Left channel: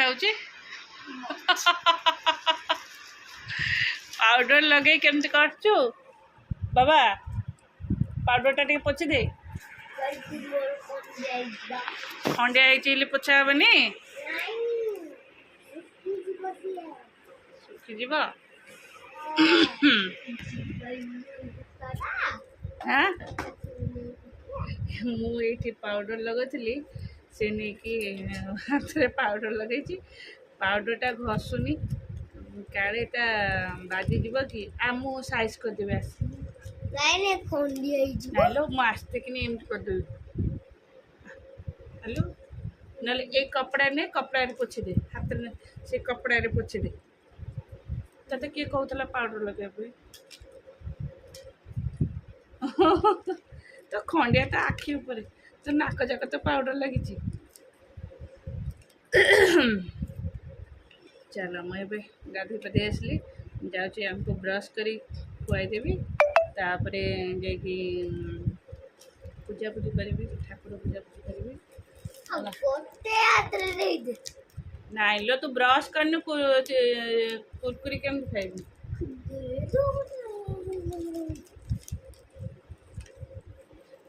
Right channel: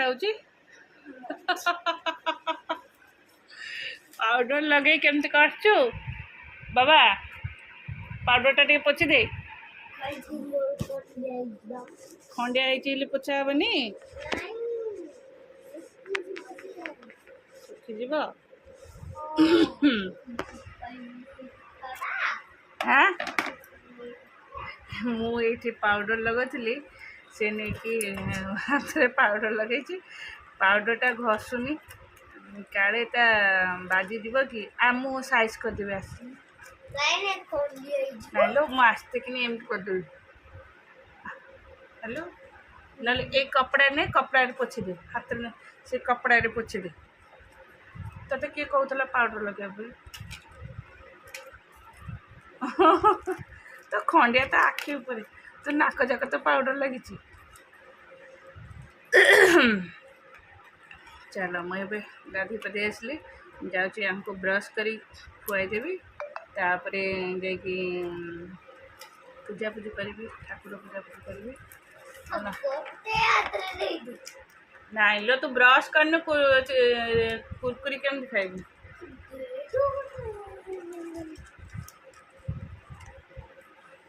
देखाऊची powder लगे केमती करछु बाबा powder टा टे पोछि दे खंडिया होइछि पोछा हेबनी सुखी जीव हाँ मुझे पाउडर लगोली से नहीं कि हाथ में पाउडर लगे पाउडरटा घसुनी काले बाजीज कि मु साइज करदेवी आस लो मु आसते कि एमती करदेवी हेलो ना ये कपड़ा ने कपड़ा पोछि दे हाथ में से कपड़ा पोछि दे तते किए कहूला पाउडर लगे तो खंडिया तो आखि ऊपर तो नाक जाक तो पाउडर लगी चलो मुझे गाधी पाधे आसली जाऊँगी हमको ब्रश करी खुआईदेवी तापर जा पूजा पूजी करी ठाकुर पूजा पूजी करी नाइ लो तू ब्रश करने कुरकुरी केमती खाइबी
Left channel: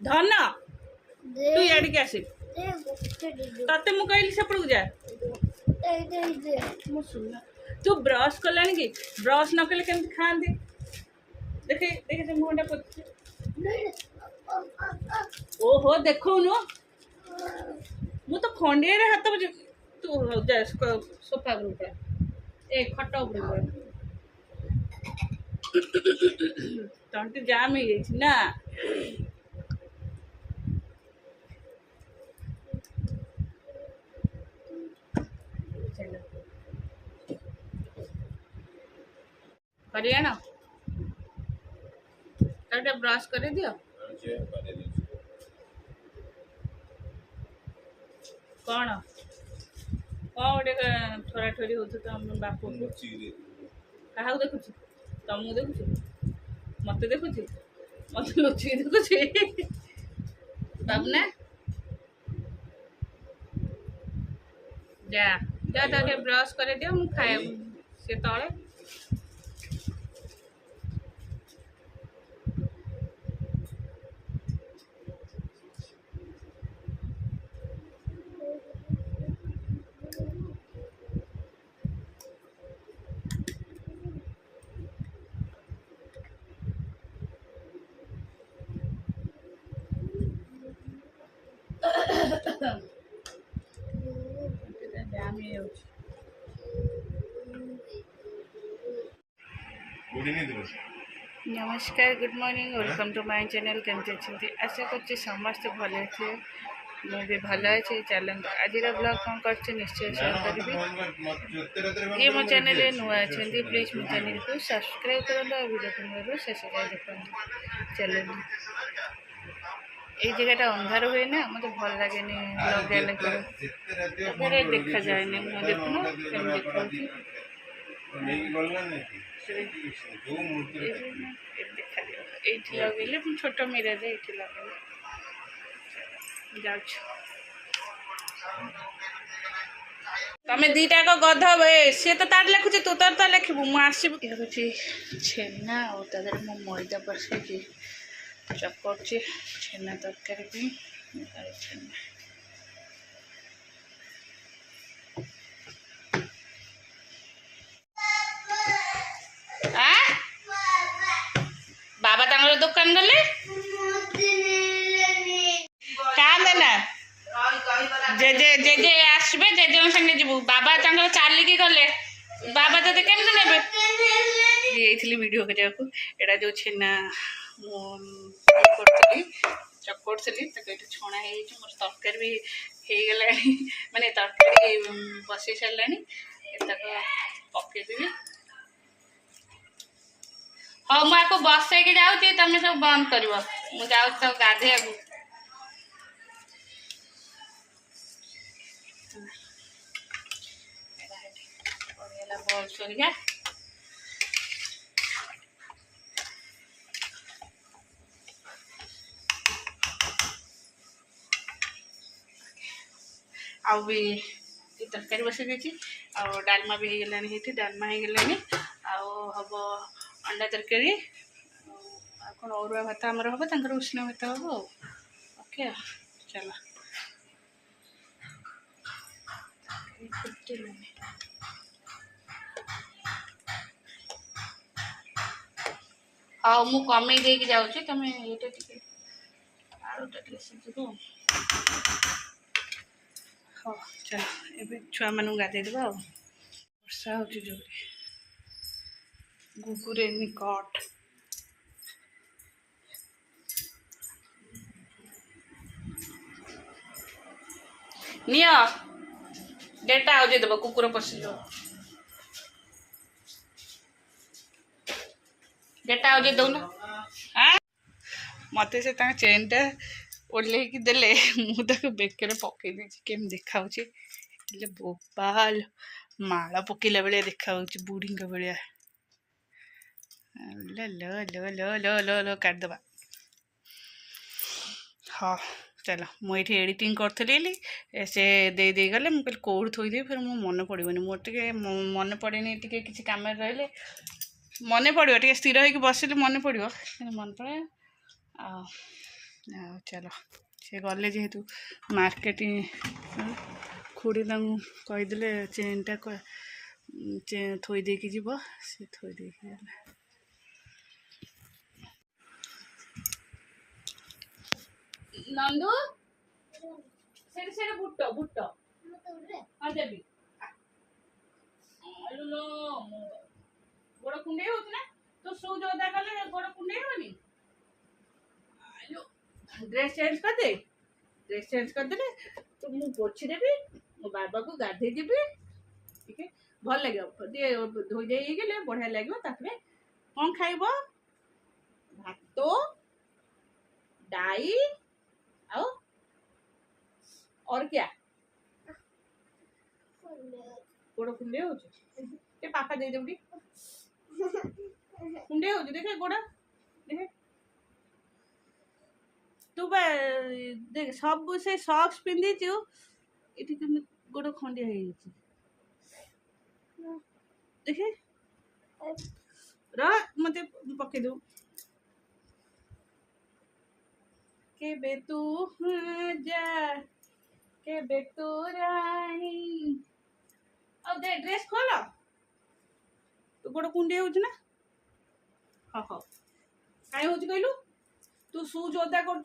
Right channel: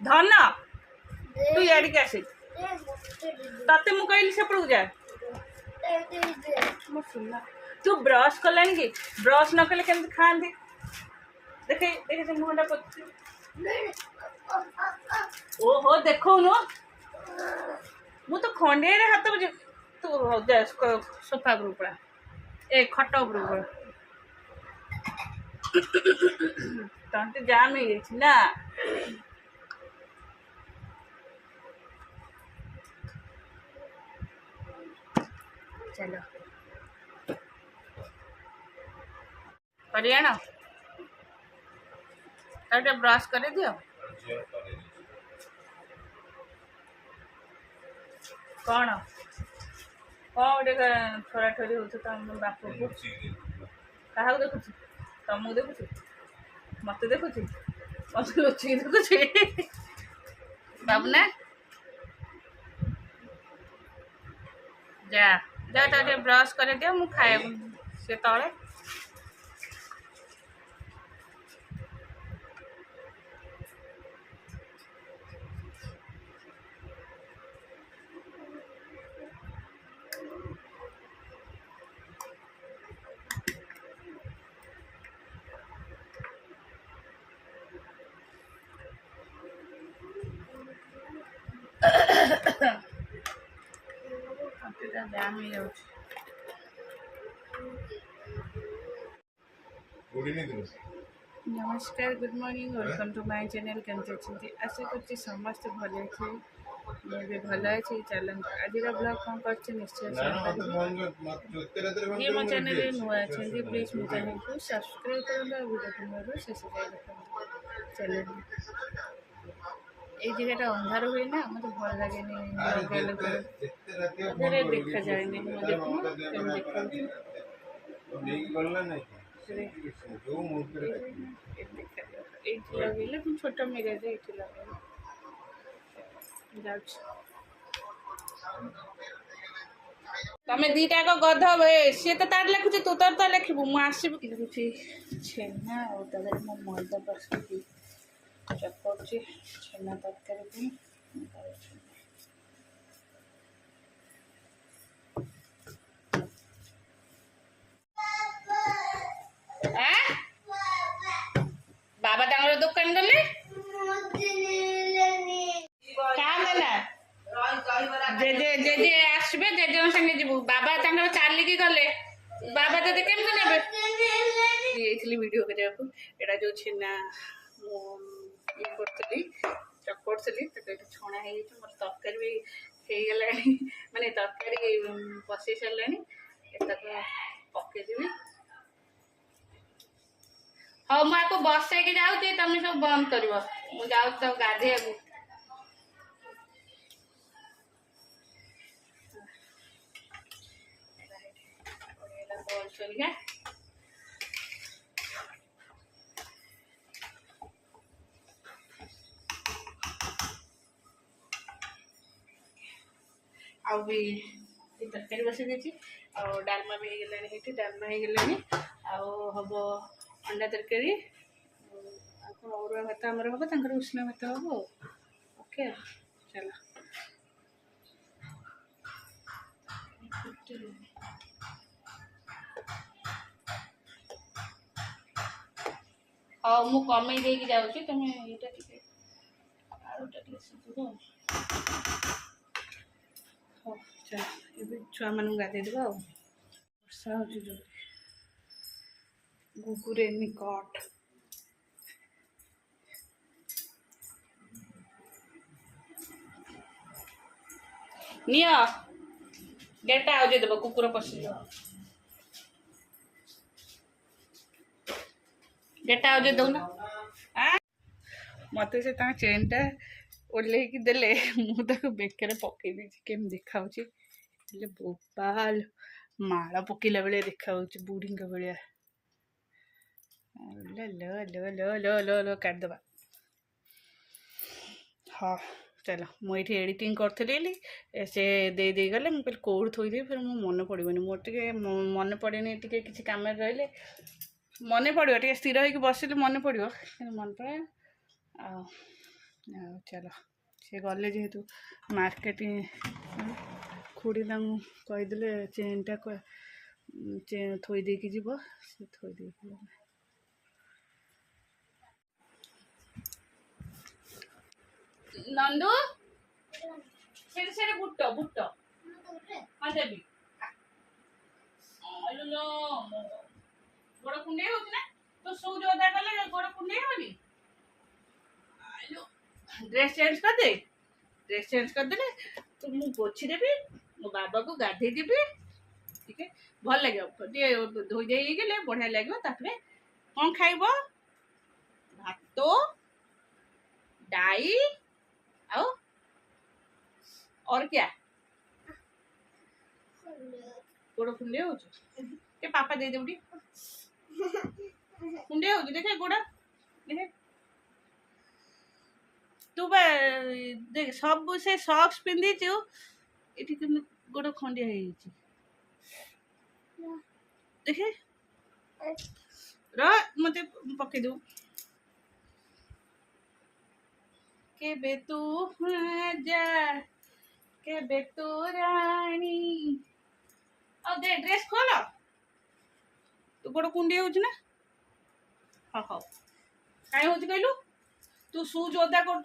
धन तू याड के आसे तते मु कहली सेपड़ू जा मु सुनना तू ब्रश कलानी कि ब्रश न कले केमती खांदी देखे देखे से मुंडा पछ ओहो देखो नो मु तो खंडिया रे हाथ बजे तू जा सोफा पर पड़ा ए खट पर पड़ा तंटी जाम हो जाइछि ना चलो करिया तो ब्रश कर दियो कौन गोटे ठोरा ठोरी हो तुम बाप को क्या देखुच तुमको देखुच मत देखुच मत लुचिक देखुच बाबू ना जा जा तो ब्रश कर दियो मु खाए से तले नमस्कार good morning welcome to my channel केमती अच्छे आशा कर समस्त भल अच्छे मुझे भल अच्छे चलते आज ब्लॉग कौन कर निश्चय शेयर करी ये मो चैनल नुआ अच्छा प्लीज मो चैनल को सब्सक्राइब करूँ वीडियो को शेष जाए देखते चलते ये जगह अंधार हुए ना मत भल लगे लगे लगे देखा जाए देखुन देखा लगे छोट मिरर ये लगे जा तमें दीटा को गध सी तो तार लिखुची तू तोर तो लिखबू मुझे लिखुची छेना और तादर मो मैदा बसई चकड़ी छेना तरकारी छेना बाबा तंगर दुकान गले देना जे जे जे जे आसबे जे जन संगे जीवु बाबा तंगर चालिकी गले बाबा तते केमते नेबे येथली वीडियो करिया को एडा जो छेना करतली चकड़ती तो ये छणा हो मोर तरकारी भी हो गला माने तरकारी बसई सारे पकईदेवी हाँ मुझे बसई जाऊँगी तुम सब बंद कर जाऊँ गाधे बॉल सरिया आ भी तरकारी बसई देती डालमा भी हो गलानी ये डालमा हो गलानी हम अंडा तरकारी कौन अरुआ भात आमर हम तर उष्ण भात हम ओके चलो हाँ मु कमे दे जाऊँ तुम ये आलूटा टे सीझे हाँ चलो ये छुआ मान गाधे देवा वर्षा हो गुगुरे निकट निया गेटा आउजे देव कुकुर पशिल गेटा आउजे दौना मत से चेन टा ओल्लैकी देले मुझे बेकर पकई देती केम देखा बोपाल माला पकेला भाया देखा बुढ़ी भाया लो लो लो लो लो लो लो काटदबा हाँ चलो मुझे एडिटिंग करी से दे दे गले मुझे कौड़ थोदे फिर मो मन पड़ोनी मोटे मन पड़े किसी कम रही मन पड़ो टे स्थिर होगी बसिले मन पड़ो मन पड़े चलो से गले जेहेतु मार्केट खुड़ी कहीदे चेन टा थोदे जीव से थोदे नंदू से बुट बुट हाँ देवी गोड़ कुंडे हो तो शूज अदा कले गोड़ कुंडे होनी ड्रेस चेंज कर दे ड्रेस चेंज कर दे तो मुझे पोछी देवी मो बाबा को गाधे देवी ठीक है भल लगे धोई दे गले बढ़िया लगे कौन खाइब भात डाई और क्या गोड़ कुंडे हो पापा दे दे कुंडे हो देखे गोड़ा देखे तू देख सब से सॉक्स पिंधि ये गोड़ खंडिया देखे मत पकई दू के बेतू जा के बेतू रानी और दे ड्रेस खोल तू गोड़ कुंडे हो हाँ हाँ कहीं हो कहलु तू शूज ओदा कर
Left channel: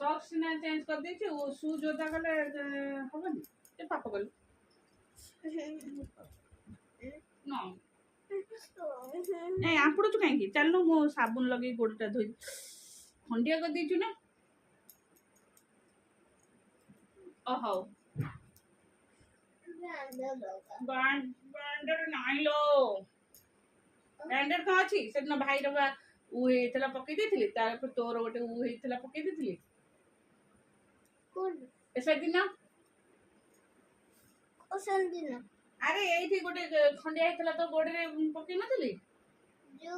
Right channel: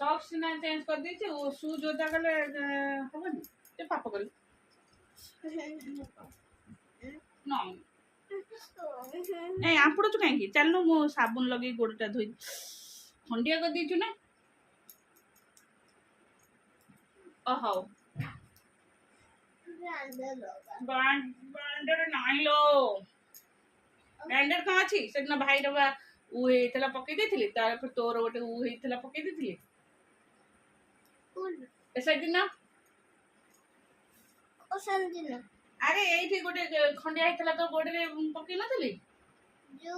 सॉक्स सीना चेंज कर दे शूज ओदा कले हेनी ते पापा कलु नहीं आपड़ू कहीं चलनु मो साबुन लगे गोड़टा धोई खंडिया कर दीचु ना हौ ब्रांडर नहीं लो ब्रांडर कहाँ अच्छी से भाई रा उला पकई देथिले तार तोर गोटे उला पकई देथिले से दिन अरे ये गोटे खंडिया होता तो गोड़े पकई नथिले जो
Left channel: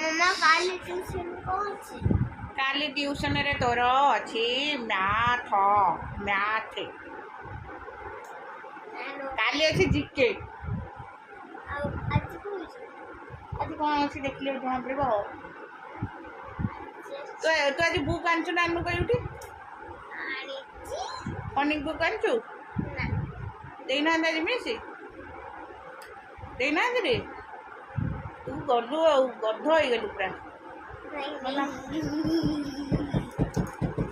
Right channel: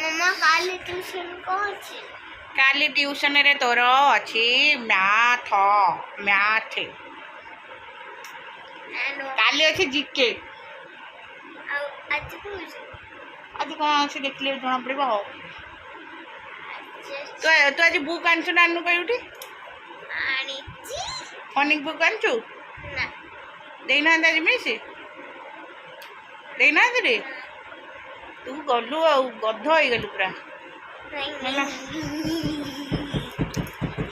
मम्मा काली ट्यूशन कौन छी काली ट्यूशन रे तोर अच्छी मैथ मैथ काली अच्छी जीके आज कौन अच्छी देख ले जना पड़े तो आज बुक आनचु ना आनु कहीं फनिक बुक आनचु देना आज मिस देना रे तू गलु गध हो गलु पूरा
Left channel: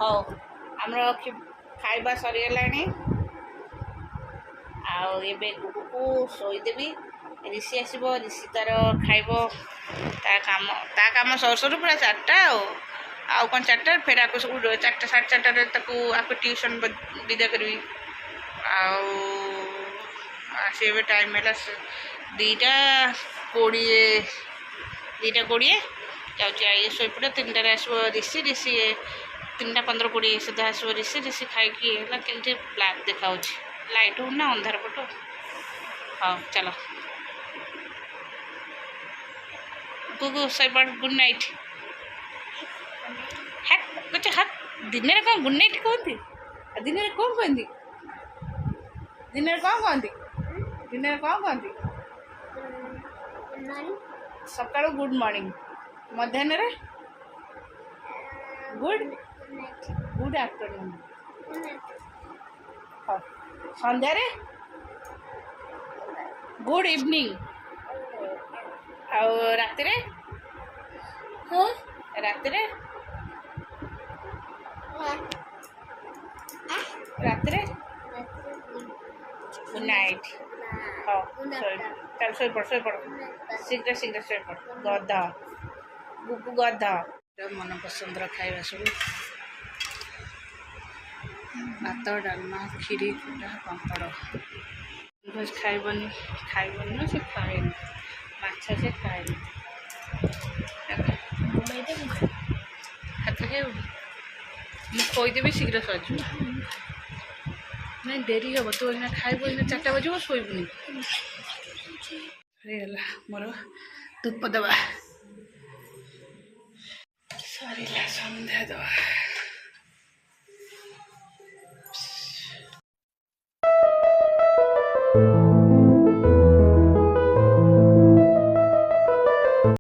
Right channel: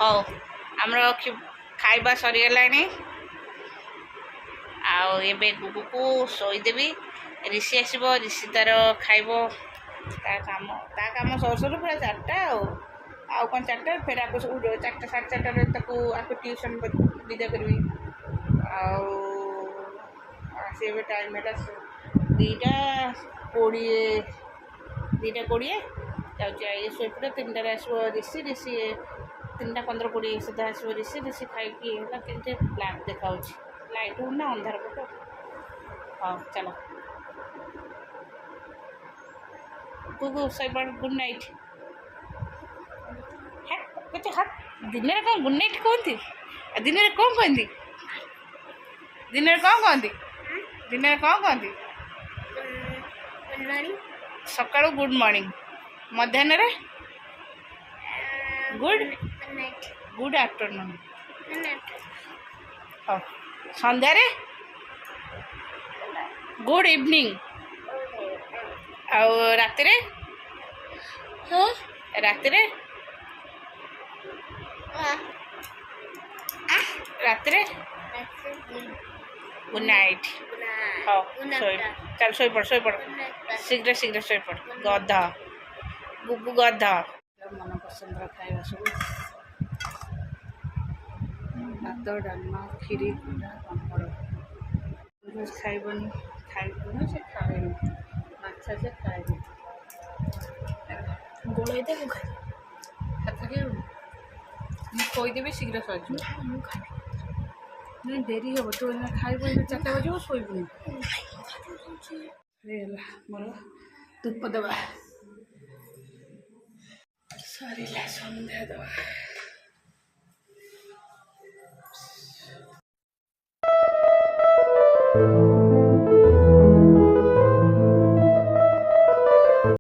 हाँ आमर खाइबा सरीगलानी आबे गुगु को शोदेवी ऋषि आसब ऋषि तार खाइब ता काम सर सर पूरा 4टा आउ कौन 4टा फेर आपको 4टा 4:30 आपको ट्यूशन विदा करी आसे टाइम है 2:20 जाऊँ शोपड़ 3टार आसो ऋषि ऋषि 3:15-20 सुधा आसो ऋषि ऋषि खाई कि ब्लैक देखा लाइट हो ना अंधार पट हाँ चलो गुगु सैपड़ गुड नाइट କହୁଛି ହାତ ଦିନରେ କ'ଣ ଗୁଡ୍ ନାଇଟ୍ କୁହନ୍ତି ଆଉ ଦିନରେ କ'ଣ କୁହନ୍ତି ଦିନରେ କ'ଣ କହନ୍ତି ଦିନରେ କ'ଣ କହନ୍ତି ସକାଳୁ ଗୁଡ୍ ମର୍ଣ୍ଣିଂ ମଧ୍ୟାହ୍ନରେ ଗୁଡ୍ ଆଫ୍ଟରନୁନ୍ ହଉ ସନ୍ଧ୍ୟାରେ ଗୁଡ୍ ଇଭିନିଂ ଆଉ ରାତିରେ ରାତିରେ ରାତିରେ ଗୁଡ୍ ନାଇଟ୍ ହଉ ଚାଲ ଶୋଇପଡ଼ ଶୀଘ୍ର ଶୋଇପଡ଼ ଗଧ ଗୁଗୁ ଗଧ ମନ ପସନ୍ଦର ଖାଇବା ସବୁ ଭାତ ଡାଲମା କ୍ଷୀରି ଖଟା ପାମ୍ପଡ଼ ଖାଇବନି ନା ସେ ଖାଏନି ମାଛ ସେ ଖାଏନି ହାତ ଖାଇବୁନି ମୁଁ ଖୋଇଦେବି ଶୀଘ୍ର ସରିଯିବ ନାଇଁ ଡେରି ହେବ ତୁ ଏଇନା ଖାଇବୁ ଏଇନା 4ଟା ବାଜିବ ଶୋଇବୁନି ହେଇଗଲା ମୋର ଧୂପ ଦେବା ସରିଲା ସନ୍ଧ୍ୟା ଦେବା